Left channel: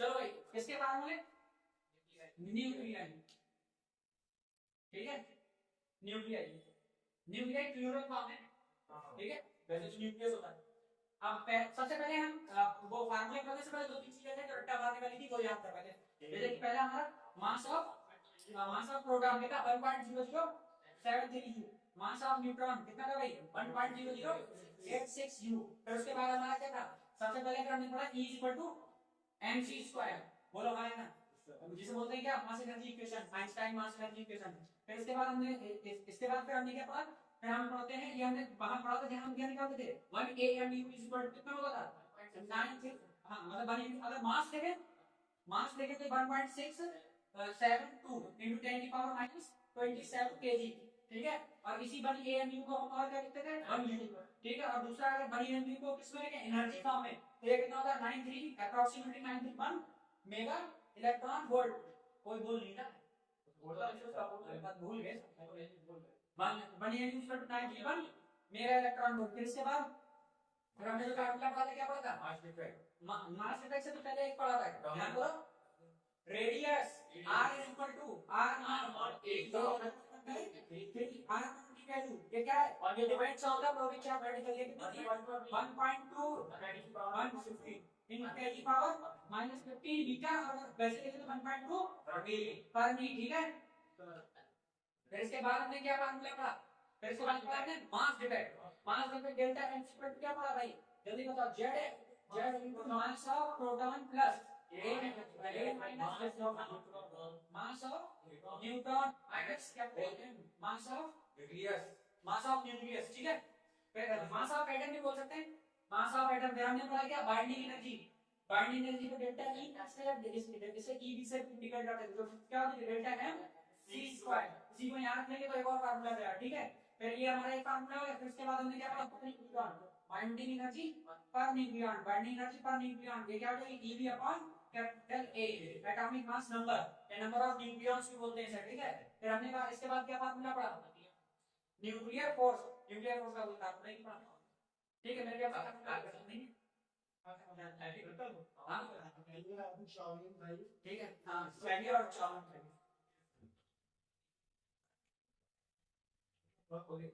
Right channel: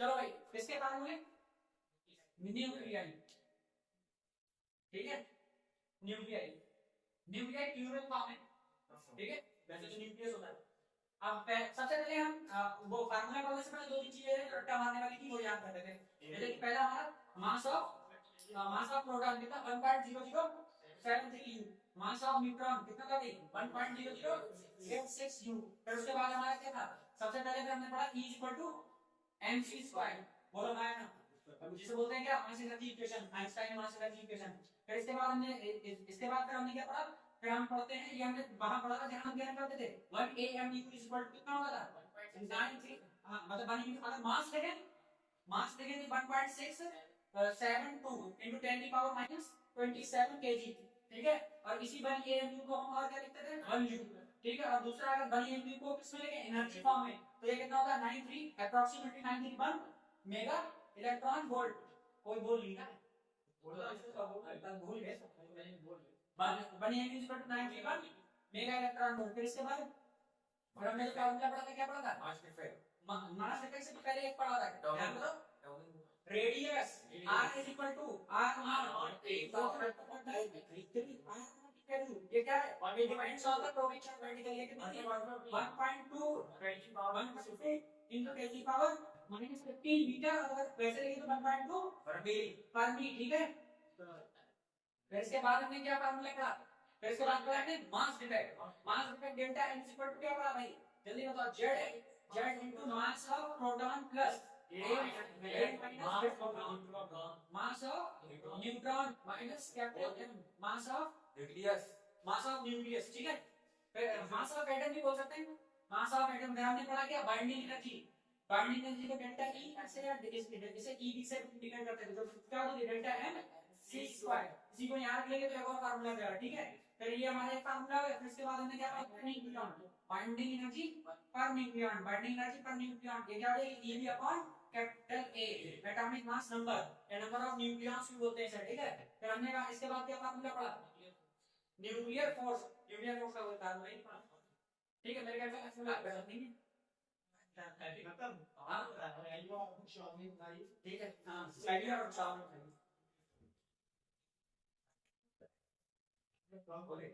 चलो भाई, किसके फार्मूले? न्यूक्लियाई, ठीक है, न्यूक्लियाई, न्यूक्लियाई प्लूरल फॉर्म है, ठीक है, वैसे तो न्यूक्लियस होता है। अब सबसे पहले हम वो फार्मूला पढ़ने से पहले दो तीन चीजें हैं जो रट्टा मारने वाली थी, वो याद कर लेते हैं। जैसे कि पहला हमारा मास ऑफ प्रोटॉन कितना 1.0073 U, मास ऑफ न्यूट्रॉन कितना था भाई 1.0086 U। फिर उसके बाद हमारा क्या था, सबसे पहले फिर हमने पढ़ा E इक्वल टू mc², बोलो भाई ना, जिसे बोलते हैं क्या, mass energy equation, Einstein mass energy equation. फिर इसके बाद हमने इसके बाद फिर हमने क्या पढ़ा, फिर हम पढ़ते हैं, ये हमने वहां पढ़ा था जहां हम क्या निकालते थे 1 AMU इक्वल टू कितना होगा था 93, हां मतलब बनी, अगर मास देखें तो 1.672 into 10 की पावर माइनस 27 kg, ठीक है। और इसी बनी एएमयू को हम और क्या लिखते थे 1 U, ठीक है। और दूसरा अगर बनी एएमयू को किसमें लिखें एनर्जी फॉर्म में, तो ये कितना होगा 93 अप्रोक्सीमेटली 931 मेगा इलेक्ट्रॉन वोल्ट। कोई बोल नहीं ना, भूल गए, बनी AMU equal to 931 mega electron volt. फिर इसके बाद फिर हमने जो फार्मूला पढ़ा था, क्या पढ़ा था मास इफेक्ट से तो पहले एक पढ़ा था, ध्यान करो, radius r is equal to r naught a r naught की वैल्यू ये क्या है, it depends on the probability of particle, ये कितनी है 1.2 into 10 की पावर माइनस 15 मीटर, अगर वैसे लिखे तो 1.2 फर्मी, ठीक है। फिर इसके बाद हमने क्या फार्मूला पढ़ा, फिर इसके बाद पढ़ा हमने mass defect delta n equal to क्या पढ़ा भाई, जल्दी बताओ, z into mass of proton plus a minus mass of neutron minus capital M mass of nucleus, ठीक है। फिर मास ऑफ एटम भी बोल सकते हैं, मास ऑफ एटम। फिर हमने पढ़ा क्या बाइंडिंग एनर्जी को डेल्टा E से या इसे E B से इंडिकेट करते थे, तो क्या होता है डेल्टा M c², इसी को यहाँ रख लेंगे तो एक और फार्मूला आ जाएगा, ठीक है। फिर ये हमारा एक फार्मूला है। फिर इसके बाद हमने क्या पढ़ा न्यूक्लियॉन, बाइंडिंग एनर्जी पर न्यूक्लियॉन, ये क्या हो जाएगी Ev upon capital A, atomic mass number या नंबर ऑफ न्यूक्लियॉन्स भी बोलते हैं इसे, ठीक है। फिर हमने इसके बाद क्या फार्मूला पढ़ा, न्यूक्लियर फोर्स का कोई फार्मूला नहीं पढ़ा, ठीक है। मेरे ख्याल से फार्मूला नहीं है, हाँ ठीक है, हाँ स्लाइडी और चावल बोले